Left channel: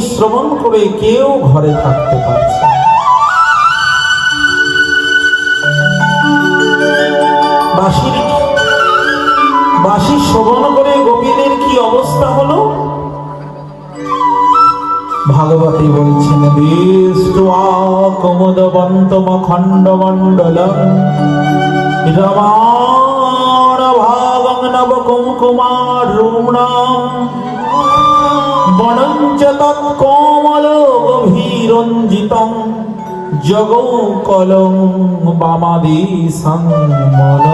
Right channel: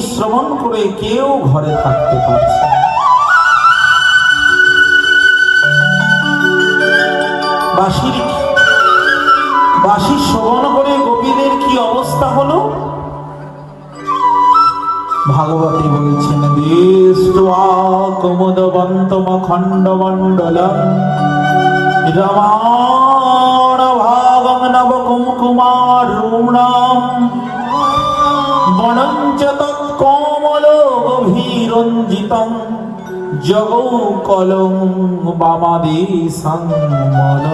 শ্রবণ করে কেউ ঘরে থাকতে পারছে। বাঁশির শ্রবণ করে গোপীদের কি অবস্থা হলো? ভাগবতী বলছেন দৃষ্টা কুমুদবন্তম মণ্ডলম রমাণ ভাগং নব কুমকুমার রূণাম বনঞ্চ কমল গভীরঞ্জিতম জগৌ কলম বামাদি সংমল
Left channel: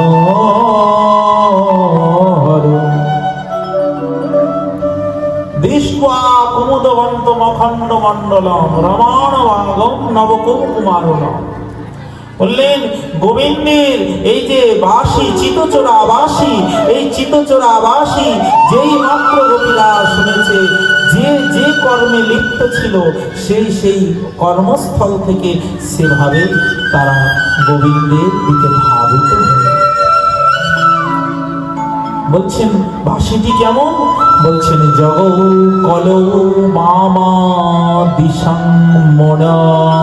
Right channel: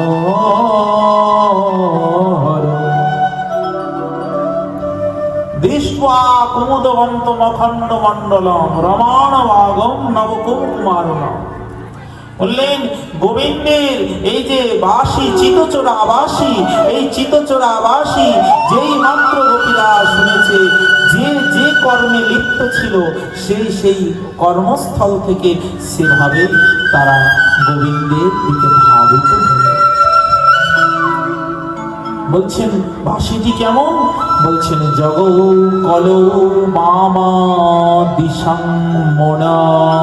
দৃষ্টা কুমুদবন্ত মখণ্ড মণ্ডলম রমাণ ভাগম নবকুমারণ বললেন গোবিন্দের এই যে বাসি, চিতচোরা বাসি, এই চিতচোরা বাসি, যেই মাত্র গোপীরা শুনেছে, যে যে কর্মে লিপ্ত ছিল, সেই সেই কর্মস্থল থেকে সেভাবে তারা গোবিন্দের দিকে ধাবিত বলছেন, বাসিটি কেমন? বলছেন জগ কল মামা দিশাং মনোহরম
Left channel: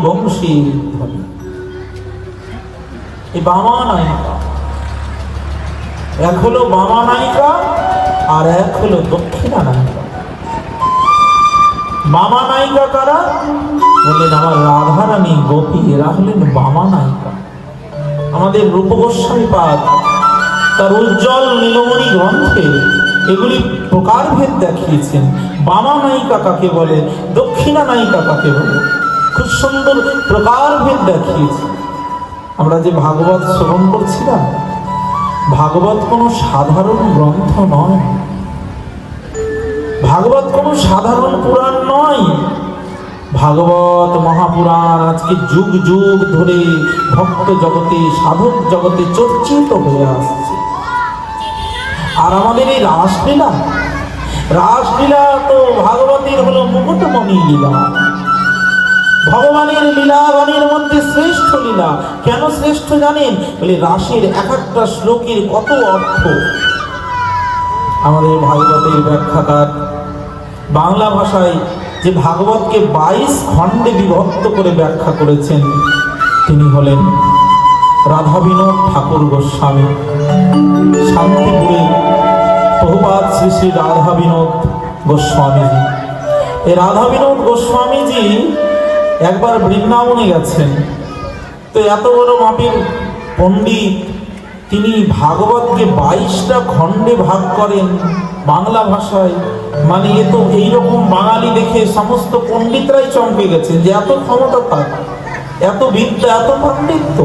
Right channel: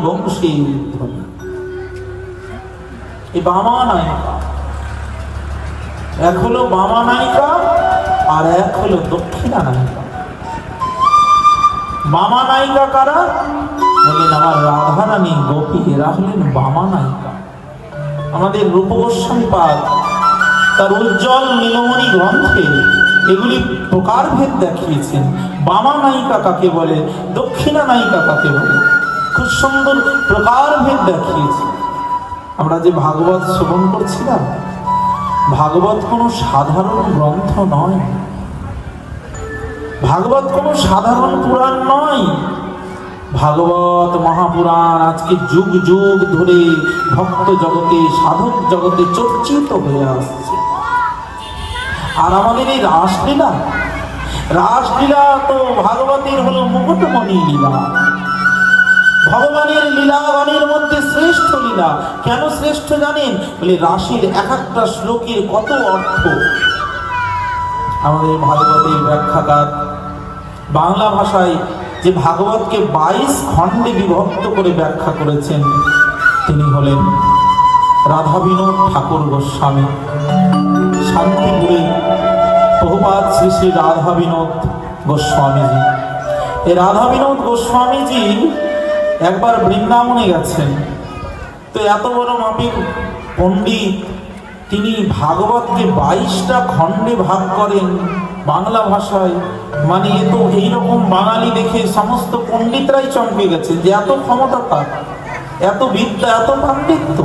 বংশী এই বামা নায়িকা। এক হলো বামা নায়িকা আর এক হলো দক্ষিণা নায়িকা। নায়িকা কারা? বললেন আমার রাধা রানী গোপী, এরা হলেন বামা নায়িকা। আমাদের রূপ গোস্বামী পাদ, তার উজ্জ্বল নীলমণি গ্রন্থে এগুলি প্রকারভেদ দেখিয়েছেন। বামা নায়িকা কাকে বলে? দক্ষিণা নায়িকা কাকে বলে? খুব সুন্দর প্রকারভেদ দেখিয়েছে। আমরা যে ভাগবত শ্রবণ করছিলাম, ভাগবত কোনো সাধারণ গ্রন্থ নয়। ভাগবত কোনো সাধারণ পুরাণ নয়। ভাগবত মহাপুরাণ আজকে যুগ যুগ ধরে ভক্ত জগতে, সাধক জগতে চর্চিত হয়ে আসছে। আর আমাদের এই রাসলীলা রাসলীলা তো ভাগবতের হলো মুকুটমণি লীলা। ভগবানের লীলা লীলাগণের মধ্যে শ্রেষ্ঠ লীলা। কেন শ্রেষ্ঠ জানেন? বলে, রাশির এক একটা শ্লোকের কত অর্থ? আমাদের ভাগবতের ব্যাখ্যাকার বাংলা ভাষায় যে ভাগবতকে বাইশ খণ্ডে বিভক্ত করে ব্যাখ্যা করেছেন, তিনি হলেন রাধা বিনোদ ঠাকুর গোস্বামী। শান্তিপুরে প্রভুপাত শ্রী শ্রী রাধা বিনোদ গোস্বামীজি। এই রাধা বিনোদ গোস্বামীজি একবার বৃন্দাবনে গেছেন। তো এত বড় মাপির পণ্ডিত, তিনি ভাগবতকে বাইশটা খণ্ডে ভাগ করেন বাংলা ভাষায়। মানে এ তো এইরকম বাঙালি দেখে সমস্ত পণ্ডিতরাই চমকে গেছেন যে এত ক্ষমতা তার, এত বিদ্যা, এত পাণ্ডিত্য।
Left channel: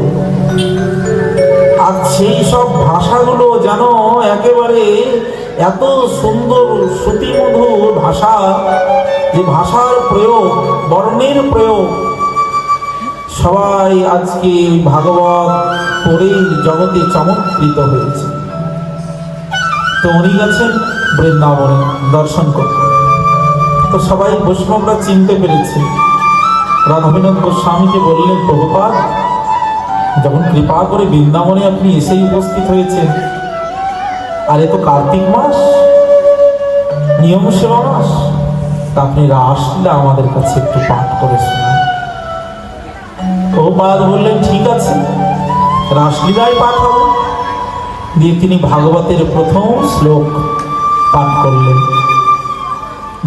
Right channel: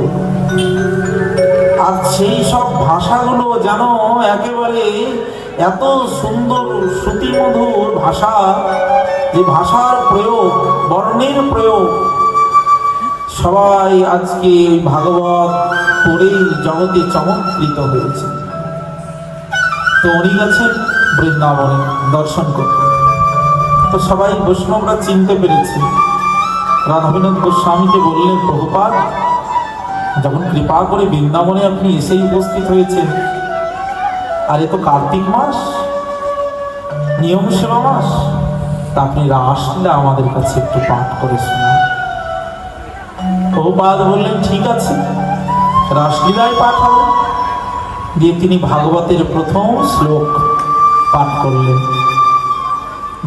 আর সেই সব ভাষাগুলো যেন একেবারে এত সুন্দর শ্রুতিমধুর ভাষা যে ভাষার প্রয়োগ, বর্ণের প্রয়োগ। সবাই আজকে ভাগবত পড়েই জগতে চমৎকৃত হয়েছে। তো উনি গেছেন বৃন্দাবনে দর্শন করতে। তো সবাই বৈষ্ণবরা চিনতে পেরেছে। রাধাবিনোদ গোস্বামীকে বললেন প্রভুপাত যখন কৃপা করে বৃন্দাবনে আপনি এসেই উপস্থিত হয়েছেন, আর এ তো কার্তিক মাস, নিয়ম সেবা মাস। তা আপনি রাসলীলা আমাদের কাছে একটু পাঠ করে শুনুন প্রভুপাদ বললেন, ঠিক আছে, রাসলীলায় পাঠ হবে দিয়ে তিনি ভাগবতের প্রথম শ্লোক পাঠ করলেন।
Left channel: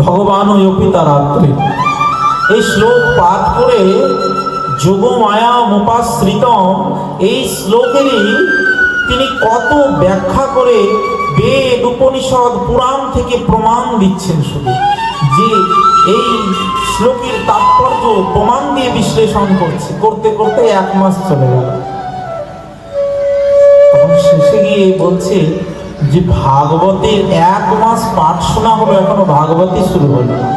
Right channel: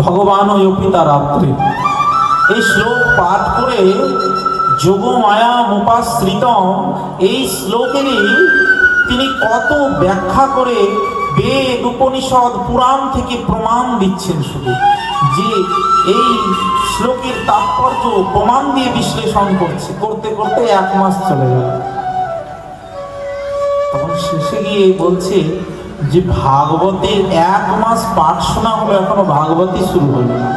ভগবান অপিতা রাত্রে এই শ্লোক পাঠ করে যোগ মায়া মোপাশ্রিতম, এই শ্লোকেরই তিনি কত ব্যাখ্যা করে বেদ, উপনিষদ, পুরাণ থেকে প্রমাণ দিচ্ছেন শুধু। যে এই শ্লোকের তাৎপর্য প্রমাণ দিয়ে বিশ্লেষণ করছে। করতে করতে এক মাস চলে গেল। তখন শেষে গিয়ে বলছে যে ভাগবতের এক মাস পাঠ শোনা হলো, এখনও ভাগবতই শুরু হলো না।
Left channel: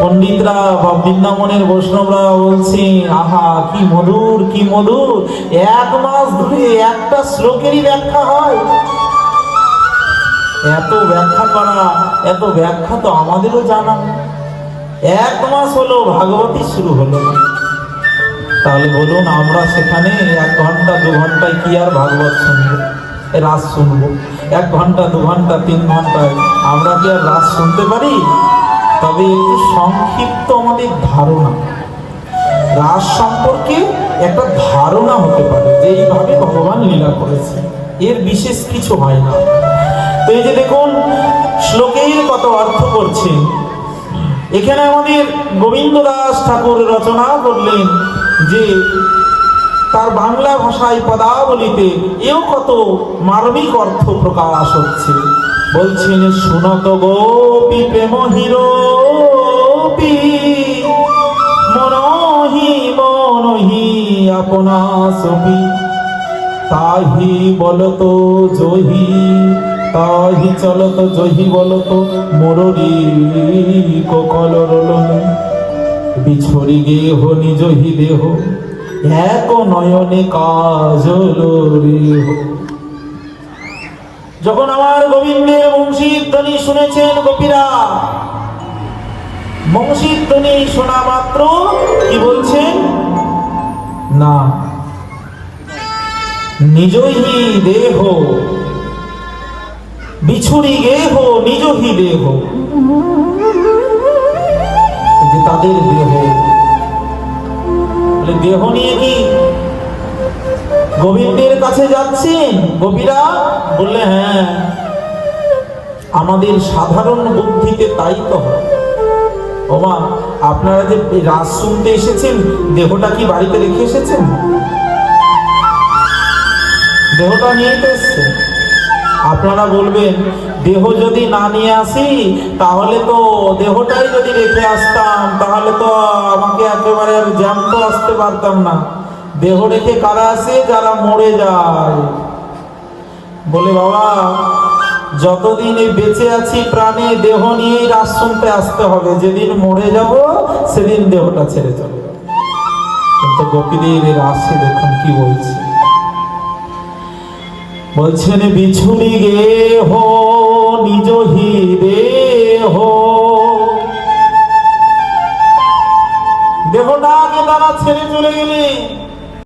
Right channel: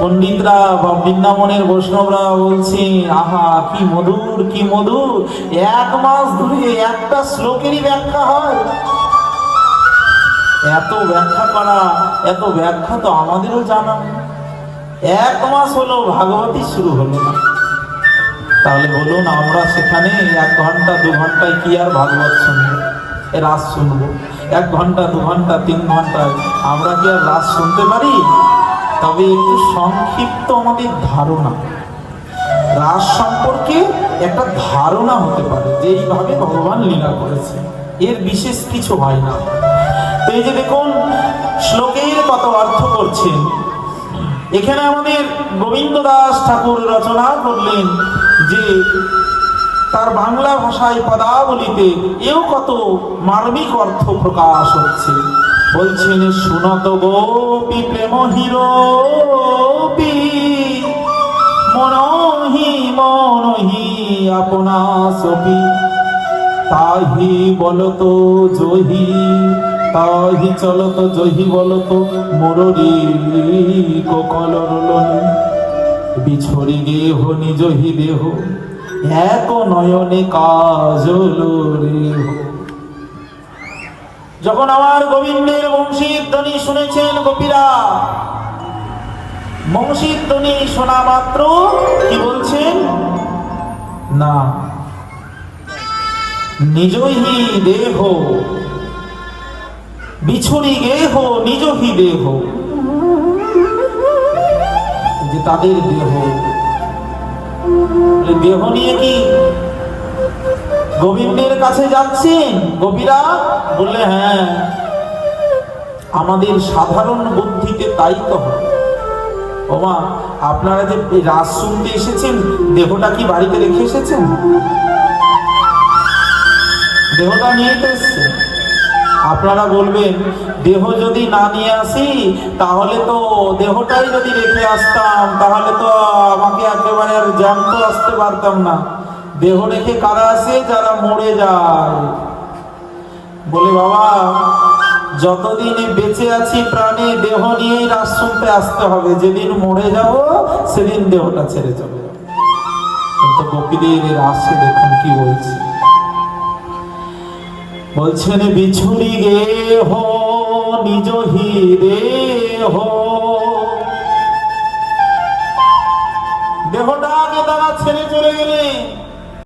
পণ্ডিতরা বা বৃন্দাবনের বৈষ্ণবরা বলছেন, আহা, কি মধুর কি মধুর। এক মাস ধরে একটা শ্লোকেরই ব্যাখ্যা হয়। এত ব্যাখ্যা করা, এত ব্যাখ্যা তো আমাদেরও জানা। এক মাস হলো, ভাগবতী শুরু হলো তাহলে বলুন, আমরা সেখানে এক ঘণ্টা, দু ঘন্টায় কি আর ভাগবত শুনব? রাস শুনব। এক ঘণ্টা, দু ঘণ্টা, তিন ঘন্টায় আমরা কি আর রাস শুনতে পারি? তবে একটু সংক্ষিপ্ত আমাদের ধারণা। রাস সম্পর্কে একটা ধারণা হতে পারে যে এইভাবে ভগবান লীলা করেছে এর বিশেষ কিছু হয় না। তো এই যে দেখুন শ্লোকের কত অর্থ করছেন। এখানে আমাদের গোবিন্দ দাস ঠাকুর রচনা করলেন যে, তার বাংলা ভাষায় পদাবলিতে এও কত মার্মিক অর্থ প্রকাশ হচ্ছে। বলছেন, শুনত গোপী প্রেম হিরোপি মনহি মনহি আপনা সপি। তাহি বলত জহি তাহি চলত জহি বলত মোররি ককল রলন। বিছড়ি হি দেহ, এক নয়নে কাজল যখন আমার গোবিন্দের বংশীর ধ্বনি শুনেছেন গোপীরা বংশীর ধ্বনি শোনা মাত্র কি বলছেন? না নিজহি দেহ বিছুরি গেহ নিজহি দেহ। যে তাদের দেহ। দেহ নিয়ে কি গোবিন্দের কাছে যাচ্ছেন? গোপীরা বললে হ্যাঁ আমাদের সাধারণ বুদ্ধিতে তাই তো ওমা, আপনারা যে রাস শুনতে এসেছেন, দেহটা কি বাড়িতে রেখে এসেছেন? দেহটা নিয়ে এসছেন। আপনারা বলবেন, দেহ যদি না নিয়ে আসি, তাহলে তো দেহটাই যদি রেখে আসতাম, তাহলে তো আমাকে একেবারে জ্যান্ত আসতে পারতাম না। দেহ রেখে কারা আসে? যারা মরে যায়। বলে, বাবা, যতদিন বেঁচে আছি প্রাণে, দেহ নিয়েই রাস শুনতে আসতে হবে। যেদিন মরে যাব, সেদিন দেহটা ছেড়ে যাবে। কিন্তু গোপীদের রাসে দেখুন কি বলছে বলছেন বিছুনি গে হো নিজ হিরে হো। দেহ না তারা ছেড়ে চলে গেলে